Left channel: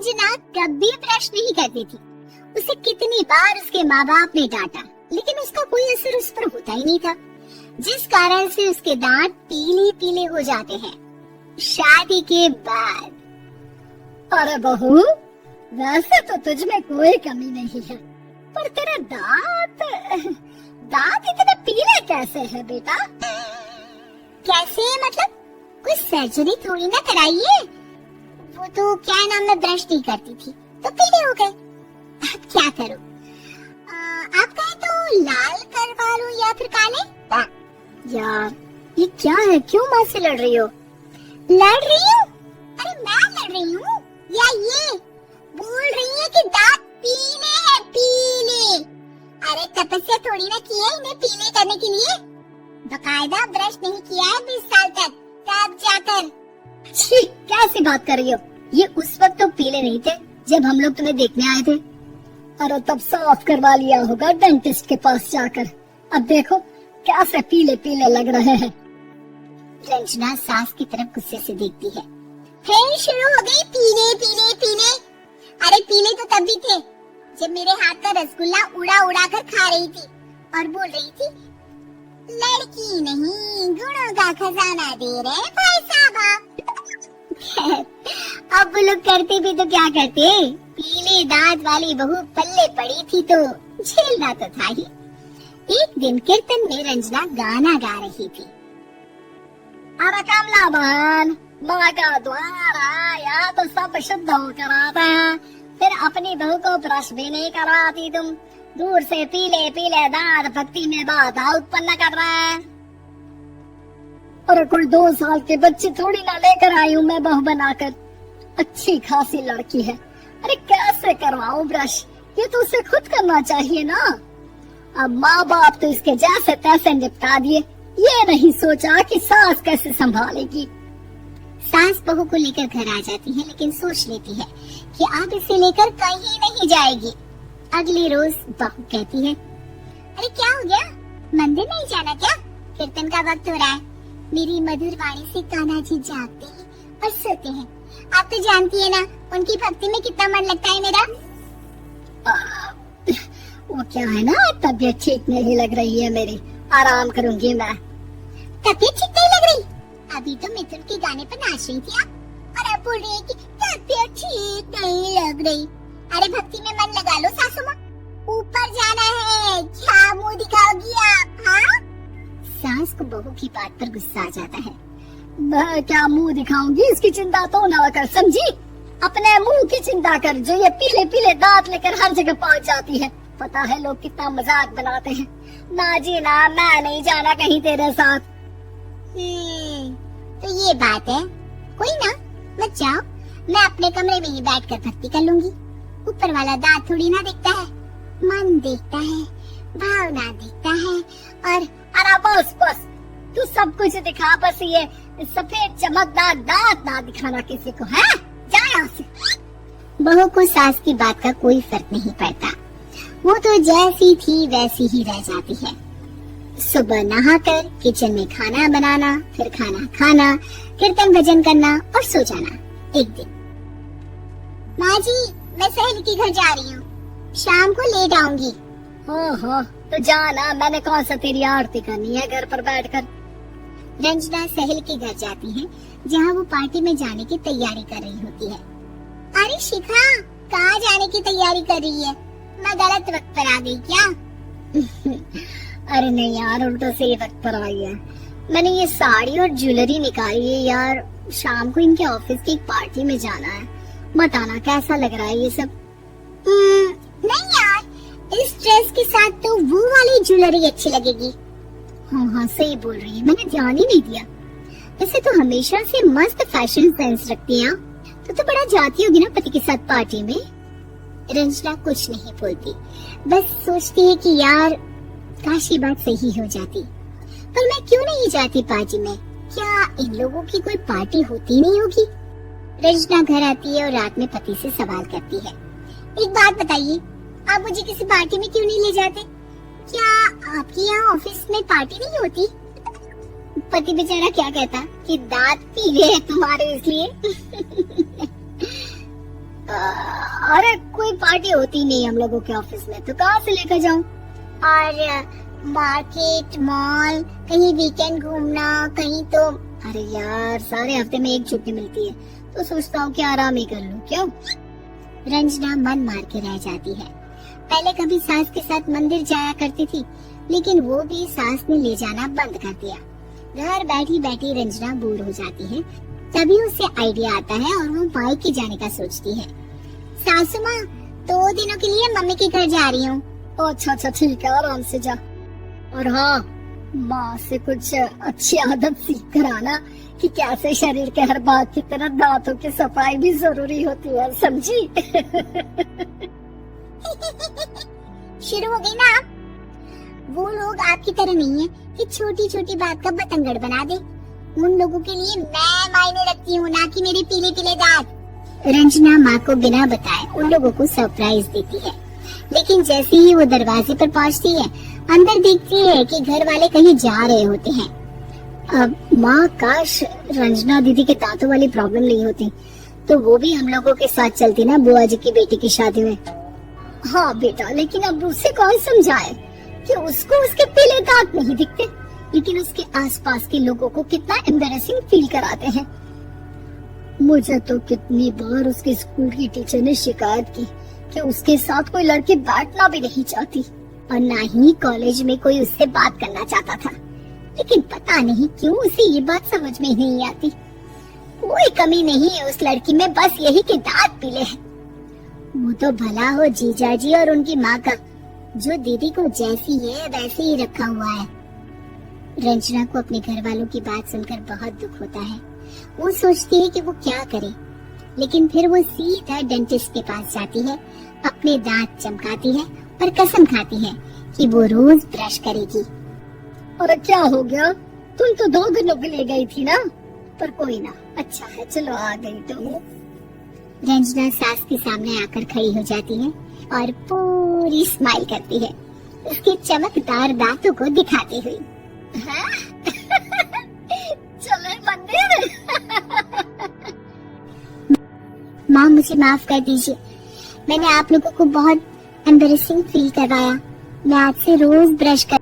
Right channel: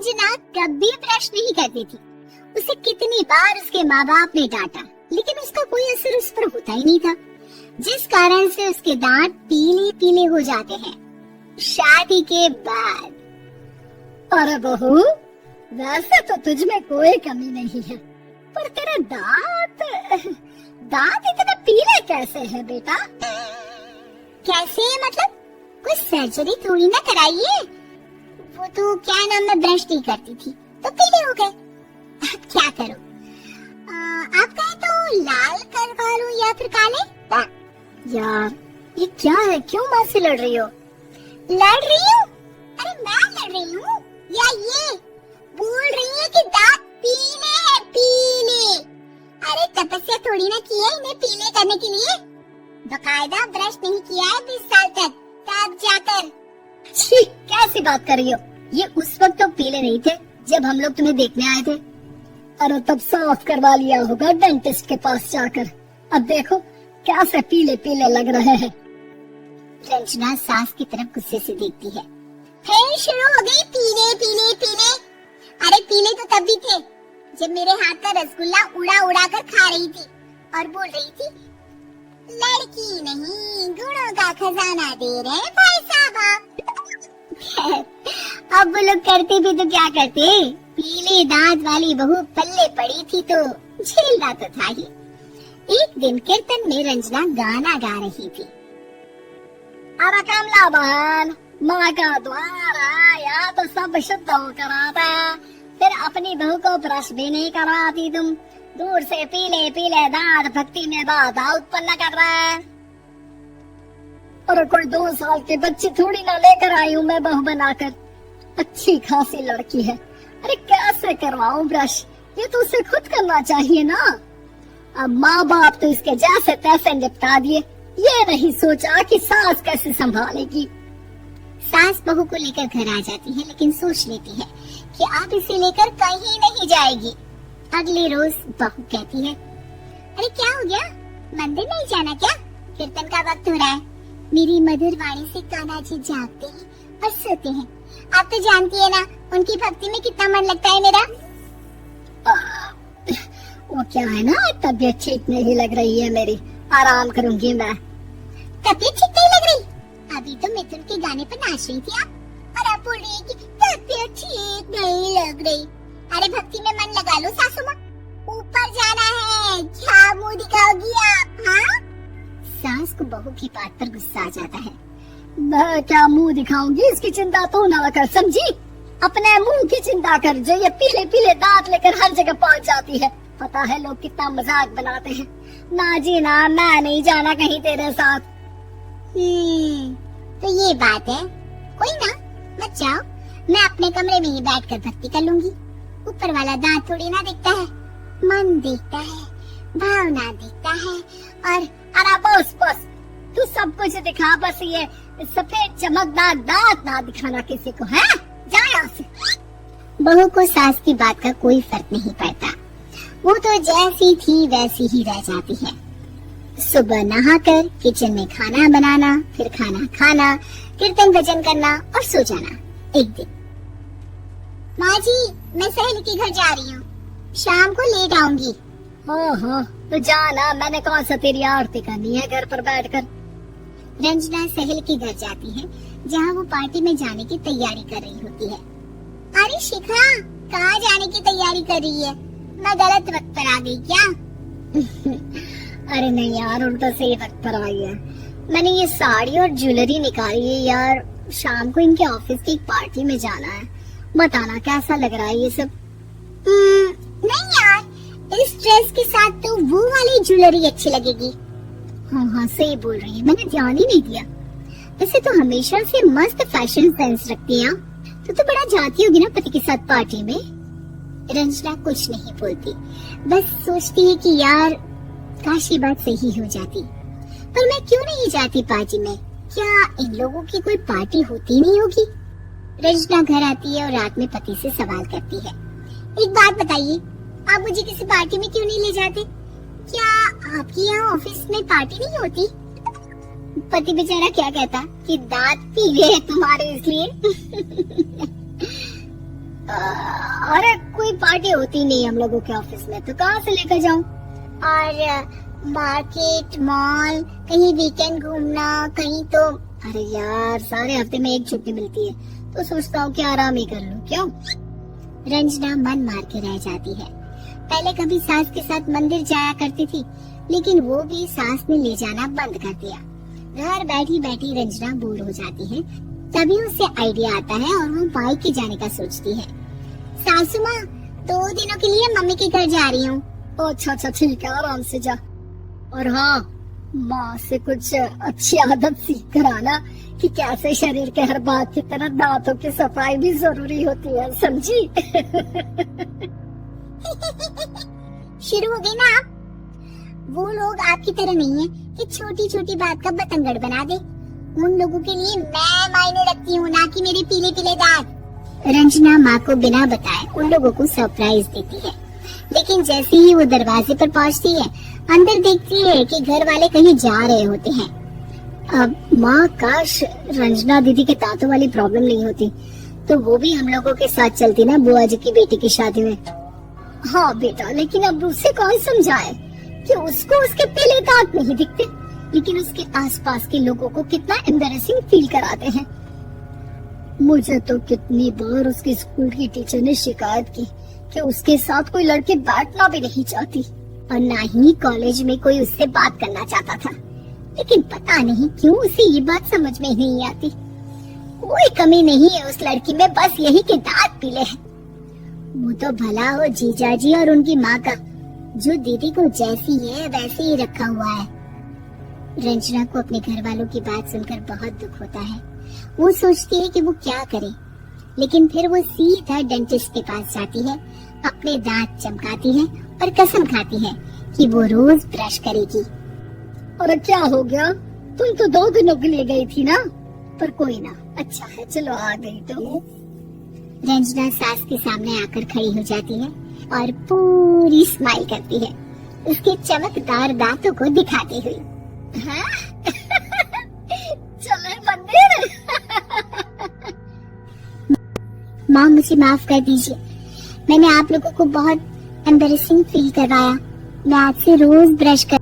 रंजना कभी ब्रश नहीं करती थी। उसे कितनी बार उसके माँ बाप ने डांटा, लेकिन उसका कोई असर उस पर होता ही नहीं था, जिस कारण से उसके दांत पीले पीले हो जाते हैं। शादी के बाद। अरे बहू, वैसे तो तुझ में कोई कमी नहीं है, पर तेरे दांत इतने पीले कैसे हैं बेटा? कैसे मतलब? कोई सर्जरी थोड़ी ना कराइए। वो तो क्या नाम, मैं ब्रश नहीं करती थी तो पीले हो गए। अब क्या करूं? आप कहें तो लाल करवा लूं या फिर काले? यार ये क्या है, क्यों माँ से लड़ रही हो? लड़ रही हूँ? अरे मैं लड़ रही हूँ या ये बोल रही है कि दांत पीले हैं, पीले। अरे तपस्या थोड़ी ना की है इन्हें पीले करने के लिए। बकायदा ब्रश नहीं किया है 20 साल तक, तब जाकर। छी, कैसी बात कर रही हो? ये उस वक्त तो पीले नहीं थे जब हम लोग तुम्हें देखने आए थे। अरे तब साफ करवा लिया होगा डेंटिस्ट के पास जाकर। अब देखो कैसे पीले पीले लग रहे हैं। रंजना सास की तरफ गुस्से से देखती है। फिर शुरू हो गई पीले पीले पीले। अरे पीले तो तब भी थे जब मेरे हाथ का रसगुल्ला उड़ा उड़ा कर खा रही थी और बोल रही थी, लड़की नहीं गुणों का खजाना दे रहे भाई साहब। अब वो लोग करते भी तो क्या करते, पीले दांत वाली बहू पल्ले पड़ी थी तो झेलना तो था ही। एक दिन कीर्तन में रंजना गाना गा रही थी। अरे कमला बहन, माँ का द्वार आया तो सब शुद्ध होकर आता है, फिर अपनी बहू को ब्रश भी नहीं कराती तुम। दूर से पीले पीले दांत भक्ति में बाधा उत्पन्न कर रहा है। अरे कोई 2 साल के बच्चे थोड़ी ना लेकर आई हूँ मैं बहू बनाकर। अच्छी खासी लड़की है, अरे कैसे करवाऊं ब्रश? ये तो उसे खुद करना चाहिए ना। अब माँ बाप तो इसके जैसे तैसे निपटा दिए, ये नहीं सोचा कि सास कैसे संभालेगी। सास बहू को लेकर घर आ जाती है, लेकिन सोच लेती है कि अब इसे लेकर कहीं नहीं जाएगी। अगले रोज बहू कहती है, अरे क्या हो गया, मंदिर नहीं जाना क्या? कीर्तन का वक्त हो रहा है। मेरी मधुर वाणी से कान्हा जी जागते हैं और सोते हैं। आप तो जानती है ना उनकी भक्ति में कितना मन लगता है मेरा। वो क्या है ना, तबीयत ठीक नहीं लग रही है मेरी, आराम करूंगी मैं। तबीयत ठीक नहीं लग रही? अभी तो मिथुन के गाने पर नाच रही थी आप, और आप बोल रही है कि तबीयत ठीक नहीं लग रही। अरे भक्ति में मन लगा लो सासू माँ, ऊपर जाना है, क्या मुँह दिखाओगी आप? हाँ? सास को बहू की बात पर गुस्सा आ जाता है। मैं क्या मुंह दिखाऊंगी, इसकी चिंता तो ना कर, समझी? अपने मुंह की चिंता कर, जो ये पीले पीले दांत लेकर हर जगह पहुंच जाती है। पता है लोग कितना मजाक बनाते हैं। ना जी ना, मैं नहीं जाना कहीं तेरे साथ। तो ये बात है, कोई ना, मत जाओ, मैं अपने कमरे में ही बैठकर भक्ति कर लूंगी। ऊपर वाला दांत थोड़ी ना दिखता है, मन दिखता है, भावना दिखता है। और अरे बस तू सब कुछ दिखा, बस ये सफेद चमकदार दांत ना दिखाना किसी को, है? जा यहाँ से। बहू को सास की बात का कोई फर्क नहीं पड़ता, वो तो जैसी थी वैसी ही रह जाती है। सुबह नहाकर किचन में खाना बनाना, फिर खाना खाना, कीर्तन भजन करना और सो जाना। एक दिन, माँ जी मैं सहेली के घर जा रही हूँ, शाम को लेट आऊंगी। हाँ तो जाना, मैंने कौन सा तेरी आरती करनी है घर पर बैठकर। रंजना सहेली के घर जाती है, जहाँ वो पार्टी में जाने की तैयारी कर रही होती है। अरे शिखा, कहाँ जाने की तैयारी कर रही है? मैं गलत वक्त पर आ गई क्या? अरे नहीं यार, उल्टा सही वक्त पर आई है। मैंने ये साड़ी और ज्वेलरी निकाली है यार, शाम को इनके ऑफिस की एक पार्टी में जाना है। बताना कैसा लग रहा है ये सब? नहीं यार, इस ड्रेस के साथ तो वो वाली ज्वेलरी अच्छी लगेगी। हाँ सही बोल रही है, मैंने ध्यान ही नहीं दिया। वैसे तो हमेशा से मस्त फैशन सेंस रखती है, तो बड़ा जाती होगी ना पति के साथ पार्टी में। रंजना कुछ नहीं बोलती, बस सोचती है कि यार काश ये बात सही हो जाती, पर मैं क्यों नहीं जाती पार्टी में? क्या इन लोगों की कोई पार्टी होती नहीं होगी? रंजना घर आती है और रात में पति से सवाल करती है, एक बात बताइए, आप मुझे किसी पार्टी में क्यों नहीं ले जाते? क्या आपके यहाँ ऑफिस में पार्टी नहीं होती? पति बेचारा क्या कहता कि दांत पीले हैं तुम्हारे इसलिए। अरे कोई पार्टी होती नहीं हम लोगों के ऑफिस में, तो कहाँ से लेकर जाऊं? और मार्केट, मॉल, कहीं वीकेंड घूमना, कहीं तो। अरे यार, सारे हफ्ते में एक छुट्टी मिलती है, तो सोचता हूँ कि आराम ही कर लूं। क्यों? रंजना मन मार के रह जाती है। पहले कभी सास के साथ मंदिर जाया करती थी, लेकिन वो भी सास ने ले जाना बंद कर दिया। घर बैठी बैठी रंजना बोर हो जाती है। तभी उसे आइडिया आता है और वो मायके जाने का सोचती है। सासू माँ, 2 दिनों के लिए मम्मी के घर जा रही हूँ। अच्छा अच्छा ठीक है, आराम से जा। और हाँ, माँ से कुछ अच्छी आदत सीख कर आना कि कैसे शरीर के हर भाग की तरह दांतों की सफाई भी जरूरी होती है, समझी? शुरू हो गई ना आप? वो लोग आपकी तरह नहीं है कि छोटी छोटी बात का बतंगड़ बना दे। उन लोगों के लिए मैं मायने रखती हूँ, ना कि मेरे पीले पीले दांत। रंजना माँ को बिना बताए उन लोगों को सरप्राइज देती है, लेकिन जैसे ही वो दरवाजे पर पहुँचती है, अंदर देखती है कि घर वाले कहीं जा रहे होते हैं। अब माँ, काश रंजना दीदी के दांतों वाली प्रॉब्लम नहीं होती, तो वो भी हम लोगों के साथ चलती ना बुआ जी की बेटी की शादी में। हाँ बेटा, लेकिन अब उसे कौन समझाए कि उसको उसके पीले दांत नहीं दिखते, लेकिन उसके आसपास के लोगों को कितना एम्बैरेसिंग फील कराते हैं। मुझे तो कितनी बार उसके स्कूल की टीचर ने शिकायत की कि उसके साथ कोई लड़की बैठना भी नहीं चाहती, और ना ही कॉलेज में कोई उससे बात करना चाहता था। लेकिन पता नहीं क्यों उसे ये बात समझ में नहीं आती। कोई कमी नहीं है उस लड़की में, बस यही कि दांत पीले हैं। वो तो भला हो जीजा जी और उनकी माँ का, जो दीदी को जैसी है वैसे ही रखा हुआ है। रंजना को अपने घर वालों की बात सुनकर बहुत दुख होता है। वो सोचती है कि वो क्या करे, लेकिन फिर वो सीधा डेंटिस्ट के पास जाती है, अपने दांत चमकाती है और कसम खाती है कि वो रोज ब्रश करेगी। और क्या हो गया? तुम तो 2 दिनों के लिए गई थी ना, पर कोई ना, अच्छा है, चलो आ गई तो। रंजना सास के सामने आकर खड़ी हो जाती है और पूरी स्माइल करती है, उसके चमकदार दांतों को दिखाती हुई। हाँ? चले मंदिर। माँ, मुझे माफ कर दीजिए, मैंने आप लोगों को बहुत एम्बैरेसिंग फील करवाया। मैं आज से रोज ब्रश कर